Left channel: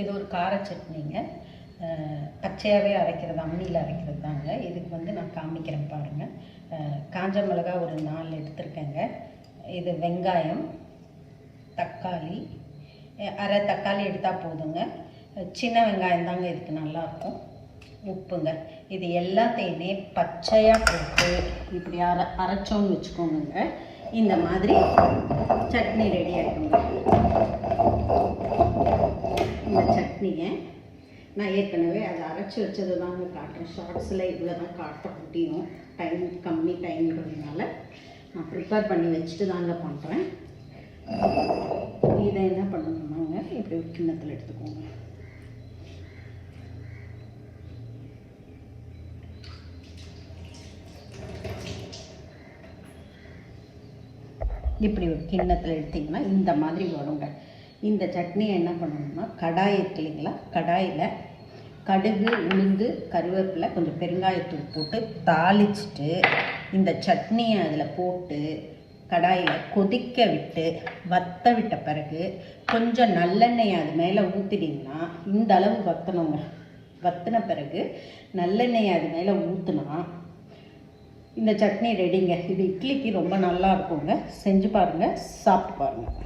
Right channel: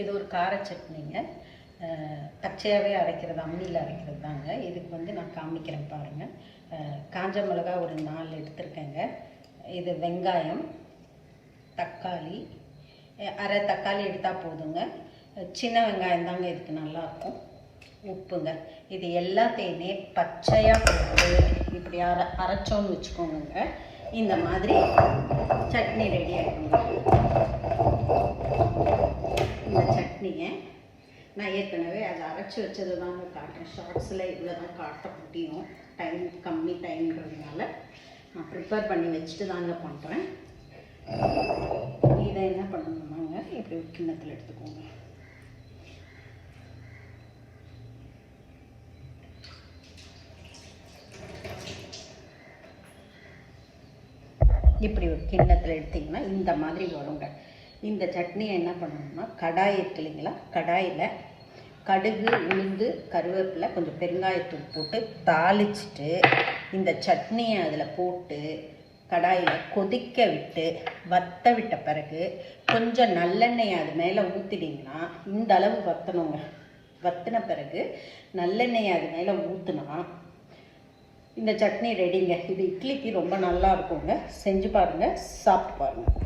இது ஒரு கார சட்னிங்க. பச்சையாகவே அரைக்கிறது, அம்மியில் அரைக்கிறது தாங்க. இதுக்கு வந்து நான் காமிக்கிறேன் பாருங்கள். காஞ்ச மிளகா ஒரு 4 எடுத்துருக்கேங்க. இது வெங்காயம், தக்காளி, அரை தக்காளி எடுத்தால் போதுங்க. சின்ன வெங்காயம் தாங்க இதுக்கு நல்லாயிருக்கும். உப்புங்க. இது எல்லாத்தையுமே பச்சையாக போட்டு இப்படி அரைச்சோன்னு வச்சுக்கோங்க. இந்த மாதிரி சட்னி ரெடி ஆகிடுங்க. இந்த சட்னியை நான் ஏற்கனவே அதை அரைச்சி வச்சது தாங்க காட்டுறேன். ஷார்ட்ஸில் இவ்வளோ தான் காட்ட முடியும், டைம் கம்மி டைம்ன்றதுனால நான் ப்ரிப்பேர் பண்ணி வச்சுட்டு தாங்க பண்ணுறேன். இதை என்ன பண்ணணுன்னாங்க, இப்படி கிண்ணத்தில் எடுத்துக்கோங்க. இப்படி ஒரு கிண்ணத்தில் எடுத்திங்கன்னா இந்த மாதிரி வருங்க. இந்த சட்னியை என்ன பண்ணணும்னா, கடாய் இருக்கு இல்லைங்களா, கடாயில் கடுகு, உளுந்து, கருவேப்பிலை, கொஞ்சம் பெருங்காயத்தூள் போட்டு தாளிச்சிட்டு இந்த சட்னியை அதில் போட்டு கடாயில் கொதிக்க விட்டு வத்த விட்ட பிறகு கொஞ்சம் நல்லெண்ணெய் அது மேலே ஊற்றிட்டிங்கன்னா, இந்த அளவு வற்றணுங்க. வற்றின பிறகு நல்லெண்ணெய் அது மேலே ஊற்றினா இந்த சட்னி ரெடிங்க. இது இட்லிக்கு ரொம்ப நல்லா இருக்குங்க. செஞ்சு பாருங்கள், சாப்பிட்டு பாருங்கள்.